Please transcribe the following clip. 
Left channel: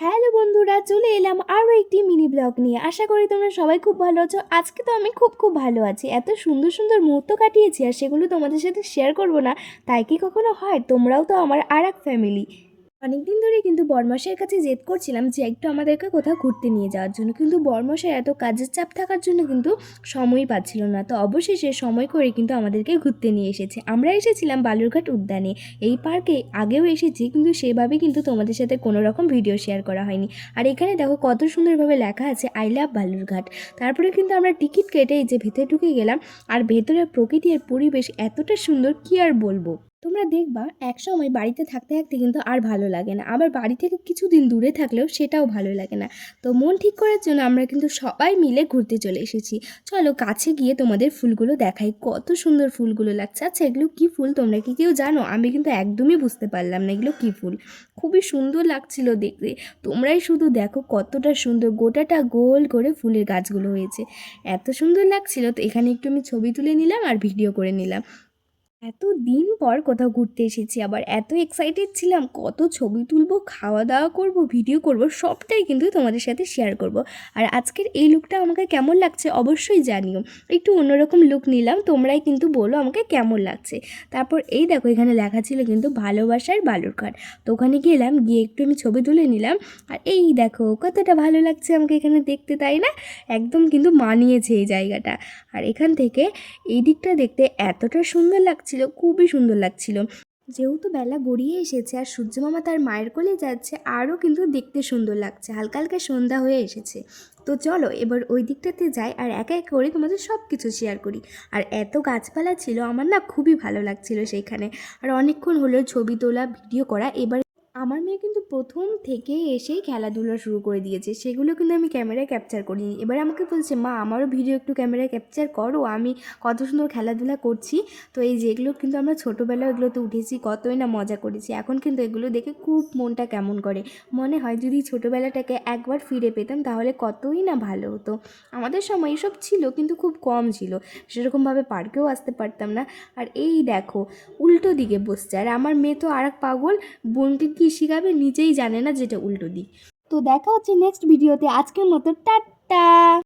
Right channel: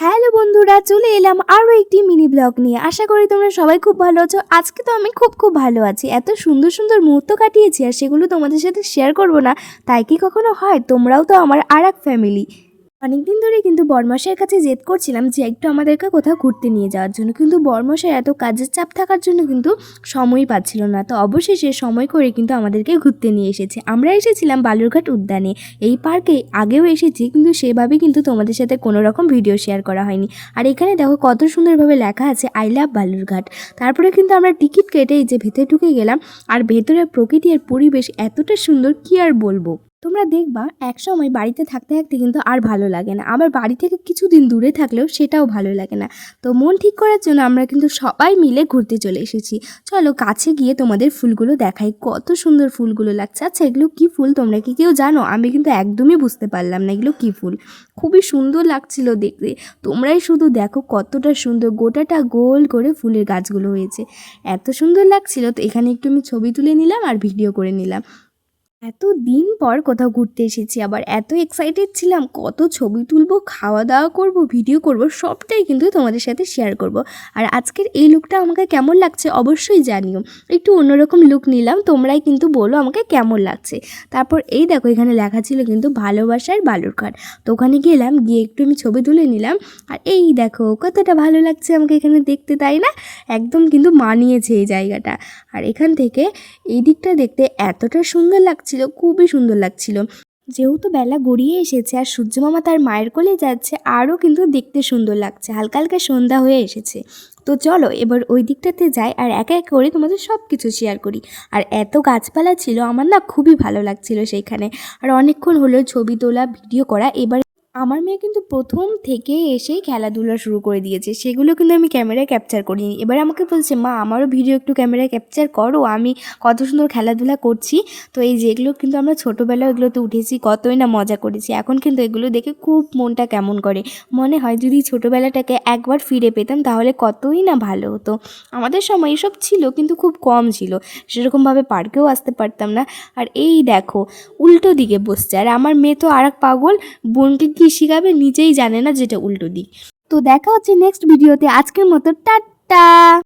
Hello বন্ধুরা, চলে এলাম আরও একটি মিনি ব্লগ নিয়ে। আশা করি তোমরা সবাই খুব ভালো আছো। আজকে তো আমি খুব ভালো আছি। এত সুন্দর সুন্দর মুহূর্ত কাটিয়েছি আর সেগুলো তোমাদের সাথে শেয়ার করব না তাই কি কখনো হয়? তোমরাও তো আমার আর এক ফ্যামিলি। অনেকদিন ধরে কিন্তু বরমশাইয়ের কাছে জেদ করছিলাম যে একটু আমাদেরকে কোথাও ঘুরতে নিয়ে যাওয়ার জন্য, কিন্তু বরমশাই এত কাজের চাপ থাকার জন্য কিন্তু সময়ই পাচ্ছিল না। তো অবশেষে সময় করে কিন্তু আমাদেরকে ঘুরতে নিয়ে এসেছে। আমরা এসেছিলাম বালুরঘাট উদ্যানে। এই পার্কে আগেও এসেছি, কিন্তু সেভাবে কিন্তু তোমাদের সাথে কোনো রকম ভিডিও শেয়ার করা হয়নি। আর এখানে দেখো কত সুন্দরভাবে লেখা আছে আই লাভ বালুরঘাট। তারপরে কিন্তু আমরা টিকিট কেটে এই যে ভেতরে ঢুকে গেলাম। আর ভেতরের প্রকৃতি আর পরিবেশ এতটা সুন্দর কি আর বলবো। তোমরা দেখবা একসময় বাড়িতে থাকতে থাকতে কিন্তু আর ভালো লাগে না, আবার বাড়ি থেকে কিছুদিন দূরে থাকলেও সেটাও ভালো লাগে না। তো মন ঠিক করার জন্য আমরা কিন্তু সবাই মিলে ঘুরতে চলে এসেছি। চলো কাছে গিয়ে তোমাদের ফুলগুলো দেখাই, কত সুন্দর ফুলগুলো লাগছে। আচ্ছা এগুলো কী ফুল তোমরা কি কেউ জানো? আমি কিন্তু একদমই বুঝতে পারলাম না এগুলো কী ফুল। খুবই সুন্দর লাগছিল দেখতে। তোমরাই শুধু দেখো কতটা সুন্দর, গোটাটা গোল করে ফুলের গাছগুলো হয়েছে, এত সুন্দর লাগছিল। তো এখানে একটু আমি ছবি তুলে নিলাম আর ভিডিও করে নিলাম। এত দিন পর কোথাও ঘুরতে এসেছি, আবার এত এক্সাইটেড ছিলাম, কত ছবি তুলবো, খাওয়া দাওয়া করব, ভিডিও করব, সবটাই কিন্তু তোমাদের সাথে শেয়ার করব। আর আজকের এই লুকটা আমাকে কেমন লাগছে অবশ্যই জানিও। একটু অন্যরকম লুক নিলাম, তোমরাই কিন্তু বলো আমাকে কেমন লাগছে। তারপর এই দেখো এখানে লেখা ছিল কিন্তু ভালোবাসার বালুরঘাট। তো ওখানে গেলাম, গিয়ে একটু আমি ছবি তুলে নিলাম। আর এই দেখো কতটা ভালো লাগছে আমাকে এখানে দেখতে, তাই না? একদম কিন্তু মানিয়েছে এই জায়গাটা। আর এখান থেকে এই দিকটা দেখতে এতটা সুন্দর লাগছিল, খুবই সুন্দর লাগছিল। যেহেতু বেলা গড়িয়ে এসেছে আর সূর্যমামা তার মায়ের কোলে যাচ্ছে, আরও কিন্তু দেখতে সুন্দর লাগছে, হালকা হালকা সন্ধ্যা হয়ে এসেছে। তো চলো এবার ওই দিকটাতে যাই আর একে এক করে তোমাদের সব কিছু শেয়ার করি। আর এত গাছপালা ছিল, আমার না খুবই ভালো লাগছিল সেইখানে। আর অনেকক্ষণ হলো ছবি তোলা, ভিডিও করা। এবার আমার মেয়ে কিন্তু প্রথম থেকে এসেই খেলাধুলা শুরু করে দিয়েছে, সেগুলো কিন্তু আমি ক্যামেরায় ক্যাপচার করিনি। এবার আমাকে বলছে মা আমারও ভিডিও একটু ক্যামেরায় ক্যাপচার করো, আমি কত সুন্দর খেলাধুলা করছি। তো এই যেগুলো কিন্তু আমরা ছোটোবেলায় এগুলোতে উঠেছি, কতই না মজা করেছি। এখন কিন্তু এগুলো দেখে খুব মনটা কেমন করে, মনে হয় যদি ছোটোবেলাটাকে একবার ফিরে পেতাম তাহলে কতই না ভালো হতো। আমাদের সময় এসব ছিল কিন্তু খুব কম ছিল, সেরকমভাবে পার্কেও আসতে পারতাম না। আর এই দেখো উল্টো দিকে বসছে, আর আমার মেয়ে তো আর এক পাগল, বোনকে কী শিখাবে নিজেই জানে না যেটা উল্টো দিক। তো দেখা হচ্ছে নেক্সট ভিডিওতে। আজকের মতো টাটা।